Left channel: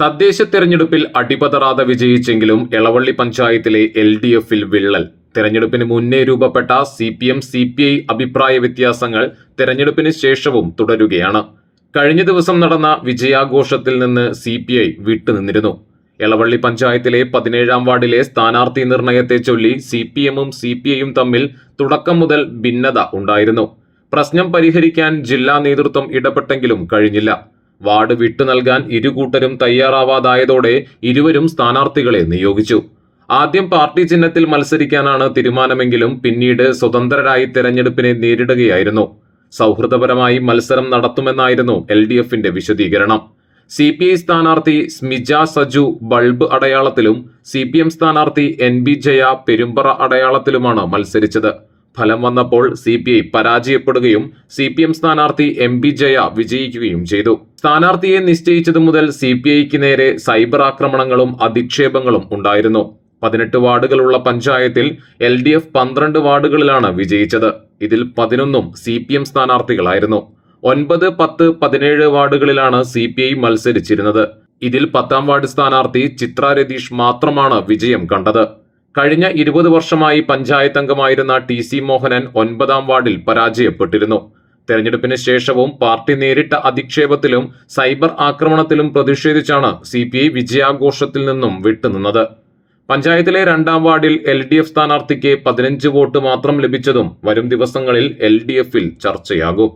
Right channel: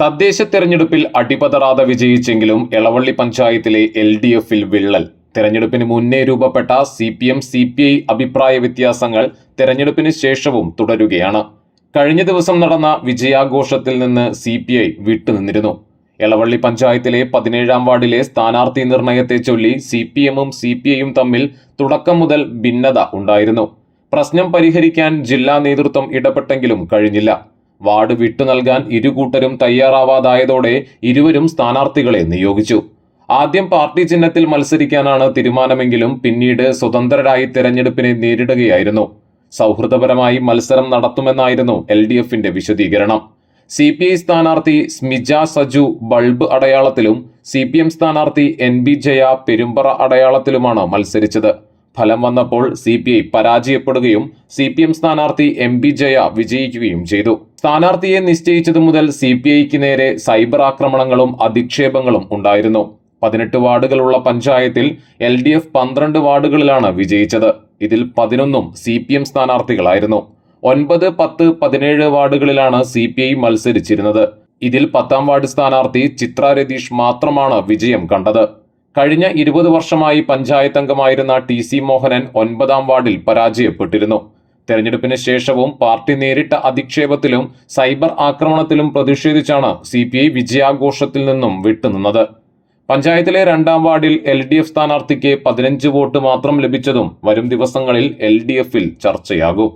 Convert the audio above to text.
തദ്ദേശ തെരഞ്ഞെടുപ്പിൽ അടിപതറാതെ വിജയിച്ചെങ്കിലും എളവള്ളി പഞ്ചായത്തിലെ LDFിൽ വിള്ളൽ. തെരഞ്ഞെടുപ്പിന് മുന്നേ രൂപപ്പെട്ട CPM CPI അഭിപ്രായ വ്യത്യാസങ്ങൾ തെരഞ്ഞെടുപ്പിന് ശേഷവും തുടരുകയാണ്. കഴിഞ്ഞ ദിവസം നടന്ന വിജയാഘോഷത്തിൽ നിന്ന് CPI വിട്ടുനിന്നിരുന്നു. എളവള്ളി പഞ്ചായത്തിലെ 17ാം വാർഡിലെ സ്ഥാനാർത്ഥി നിർണയത്തെ ചൊല്ലി CPMും CPIയും തമ്മിൽ തുടക്കം മുതൽ ഭിന്നത ഉണ്ടായിരുന്നു. പ്രശ്നം പരിഹരിക്കാൻ ജില്ലാ നേതൃത്വം ഇടപെട്ടെങ്കിലും കഴിഞ്ഞില്ല. വാർഡ് വിട്ടു നൽകാൻ ഇരുകൂട്ടരും തയ്യാറാവാതായതോടെ ഇരുവരും സ്ഥാനാർത്ഥികളെ നിയോഗിച്ചു. ആദ്യം പാർട്ടി ചിഹ്നത്തിൽ മത്സരിക്കാനാണ് തീരുമാനമെങ്കിലും പിന്നീട് സ്വതന്ത്രരായി തെരഞ്ഞെടുപ്പിനെ നേരിടുകയായിരുന്നു. സൗഹൃദപരമായി മത്സരം നടത്തുമെന്നായിരുന്നു LDFിന്റെ വിശദീകരണം. CPI സ്ഥാനാർത്ഥി സ്മിജ സജു ബൾബ് അടയാളത്തിലും CPM സ്ഥാനാർത്ഥി NB ജയ പെരുമ്പറ അടയാളത്തിലുമാണ് മത്സരിച്ചത്. ഫലം വന്നപ്പോൾ CPI പരാജയപ്പെടുകയും CPM സ്ഥാനാർത്ഥി MB ജയ വിജയിക്കുകയും ചെയ്തു. സ്ഥാനാർത്ഥിയെ നിശ്ചയിച്ചതു മുതൽ CPIക്ക് നേരെ സൈബർ ആക്രമണങ്ങളും അധിക്ഷേപങ്ങളും ഉണ്ടായിരുന്നു. 18 വാർഡുകളുള്ള പഞ്ചായത്തിൽ LDF 12 വാർഡുകളിലാണ് വിജയിച്ചത്. ഇതിൽ 11ഉം CPM സ്ഥാനാർത്ഥികളായിരുന്നു. 9, 10, 17 വാർഡുകളിലാണ് CPI മത്സരിച്ചിരുന്നത്. ഇതിൽ 10ാം വാർഡ് സ്ഥാനാർത്ഥി ചിത്ര രതീഷ് മാത്രമാണ് വിജയം കണ്ടത്. കഴിഞ്ഞ 20 വർഷമായി പഞ്ചായത്ത് അംഗമായിരുന്ന TC മോഹനൻ 9ാം വാർഡിൽ പരാജയപ്പെട്ടിരുന്നു. തെരഞ്ഞെടുപ്പിന് ശേഷവും പാർട്ടി നേരിട്ട അധിക്ഷേപത്തിലും സൈബർ ആക്രമണത്തിലും പ്രതിഷേധിച്ചാണ് CPI വിജയാഘോഷത്തിൽ നിന്നും വിട്ടുനിന്നത്. പഞ്ചായത്തിലെ 2ാം വാർഡിൽ LDF സ്ഥാനാർത്ഥിക്ക് 15 വോട്ട് മാത്രം ലഭിച്ചതും വരും ദിവസങ്ങളിൽ LDFിൽ ചർച്ചയാകും.